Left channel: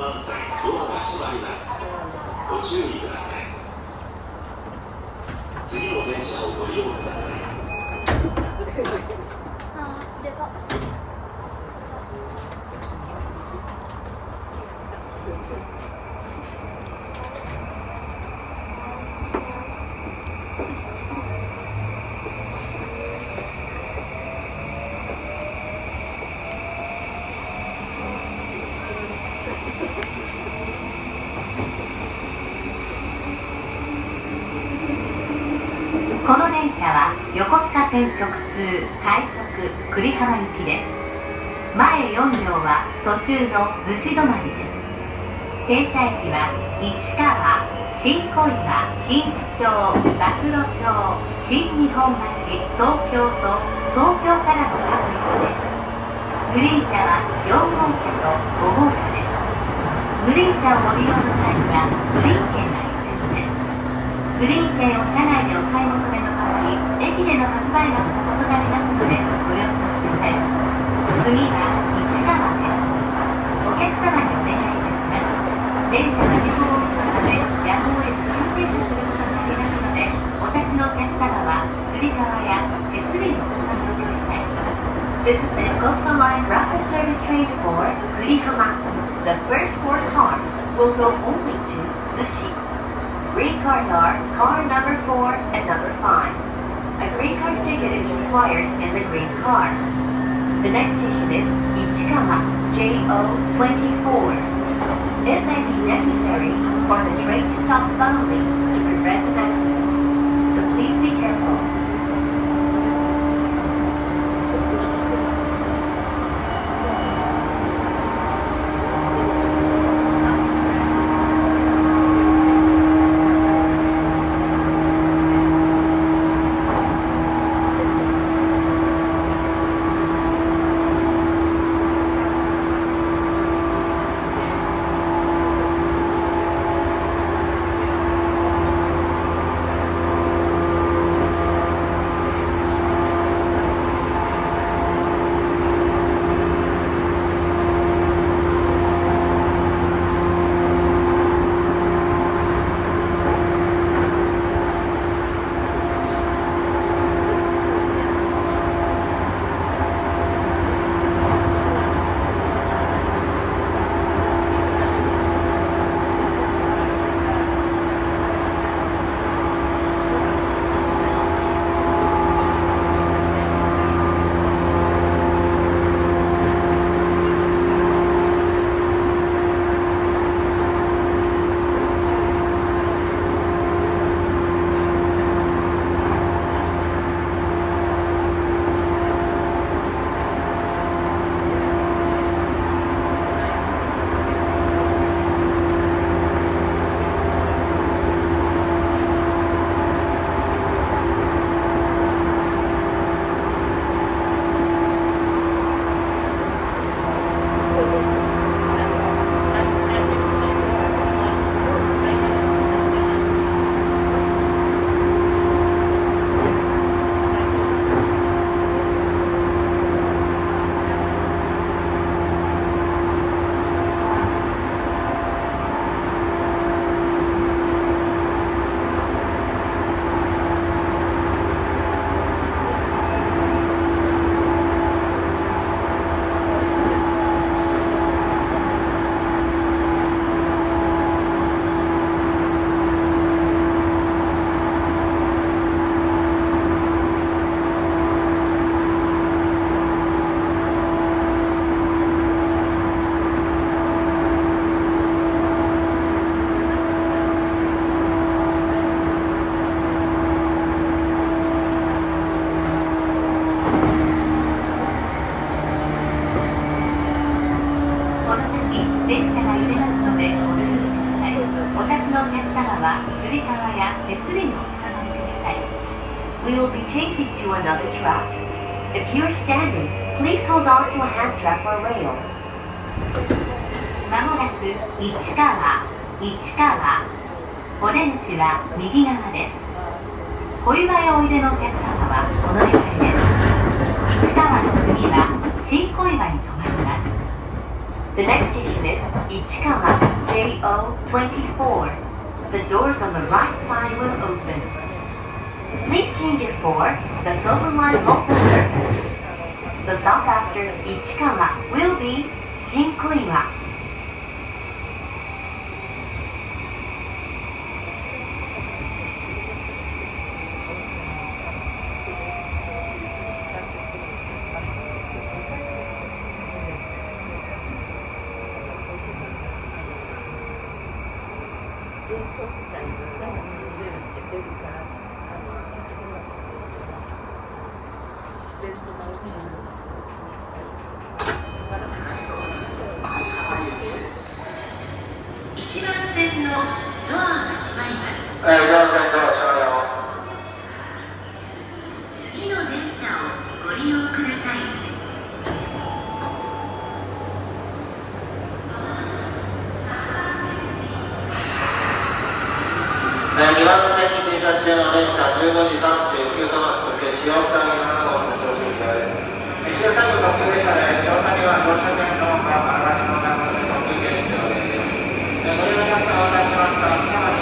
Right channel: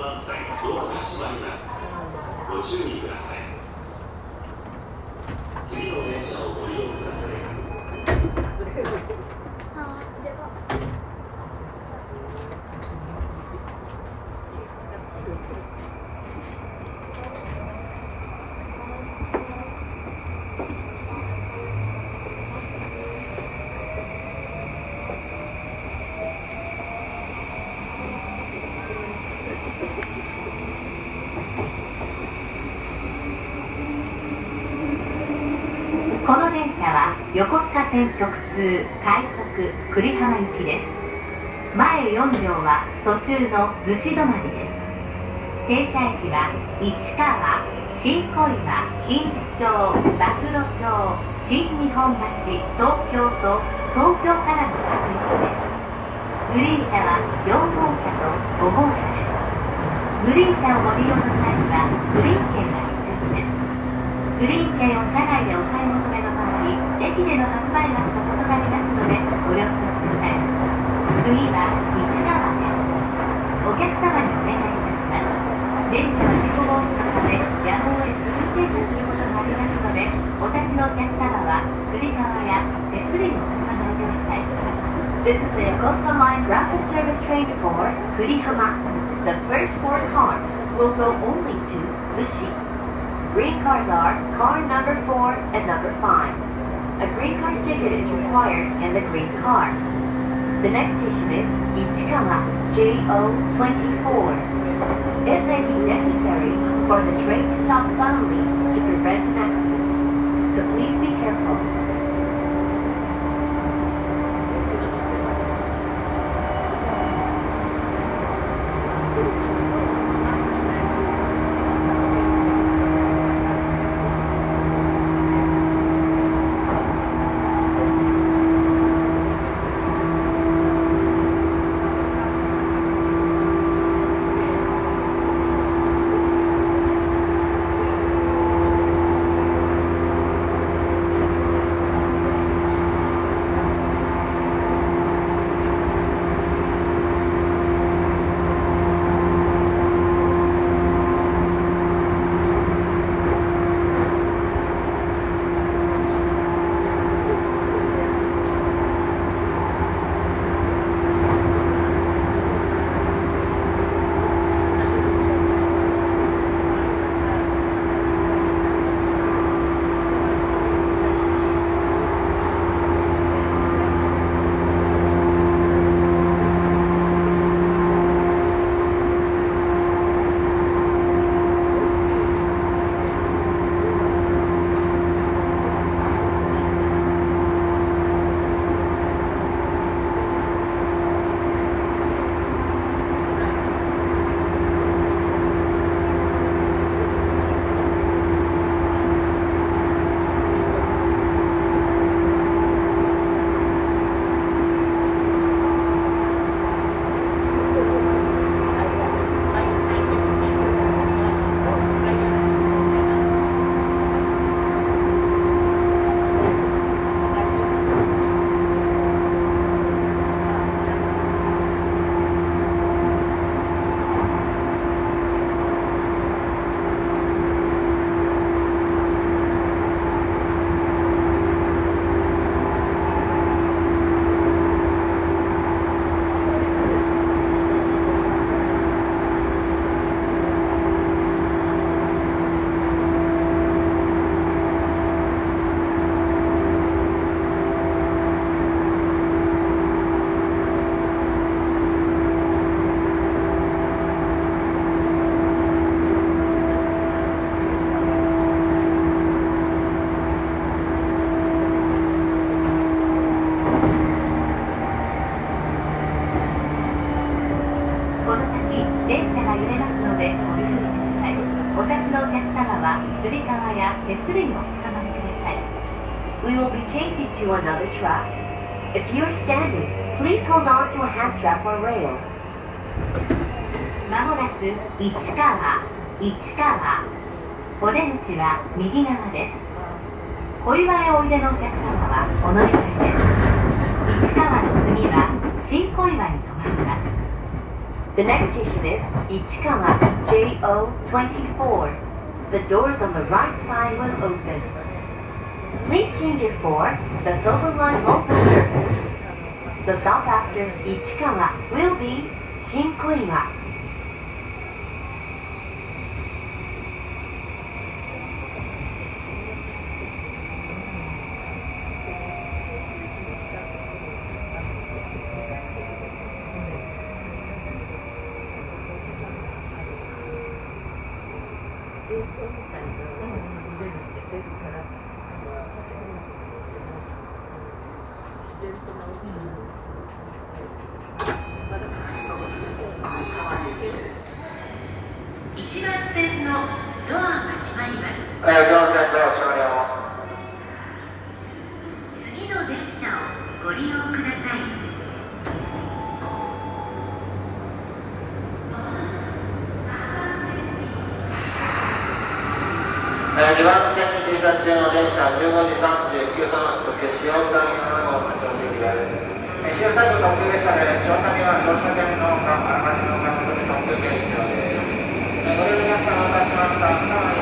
満載、ドアが閉まります。ご注意ください。次の電車をご利用ください。この電車は横須賀線直通快速久里浜行きです。前4両は途中の逗子止まりです。停車駅は市川、新小岩、錦糸町、馬黒町、新日本橋、東京と東京からの各駅です。グリーン車は4号車と5号車です。グリーン車をご利用の際にはグリーン券が必要です。グリーン券を車内でお買い求めの場合、駅での発売額と異なりますのでご了承ください。次は市川です。お客様にお願いいたします。電車は事故防止のため夜行へ通停車することがありますので、お立ちのお客様はつり革や手すりのお使いください。This is the Yokosuka Line Rapid Service Train for Kurihama. The first 4 cars will go only to Zushi. Green cars are car number 4 and number 5. A green car ticket is required in the green car. The next station is Ichikawa JO24. It may be necessary for the train to stop suddenly to prevent an accident. So please be careful. つり革や手すりにおつかまりください。We will be changing to another track. If you are standing, please hold on to a hand strap or rail. まもなく市川。お出口は右側です。小岩へおいでのお客様はお乗り換えです。市川の次は新小岩に停まります。The next station is Ichikawa JO24. The doors on the right side will open. Please change it for the Silver Line local service. The stop after Ichikawa will be Shinkoiwa. 1番線のドアが閉まります。1番線ドア閉まります。次の電車をご利用ください。2番線に停車中の電車15時39分の時計、塩谷7号発車進行です。塩谷特急列車で塩谷は乗車券のあらかじめお買い求め特急券必要です。ご利用のお客様をいたしました。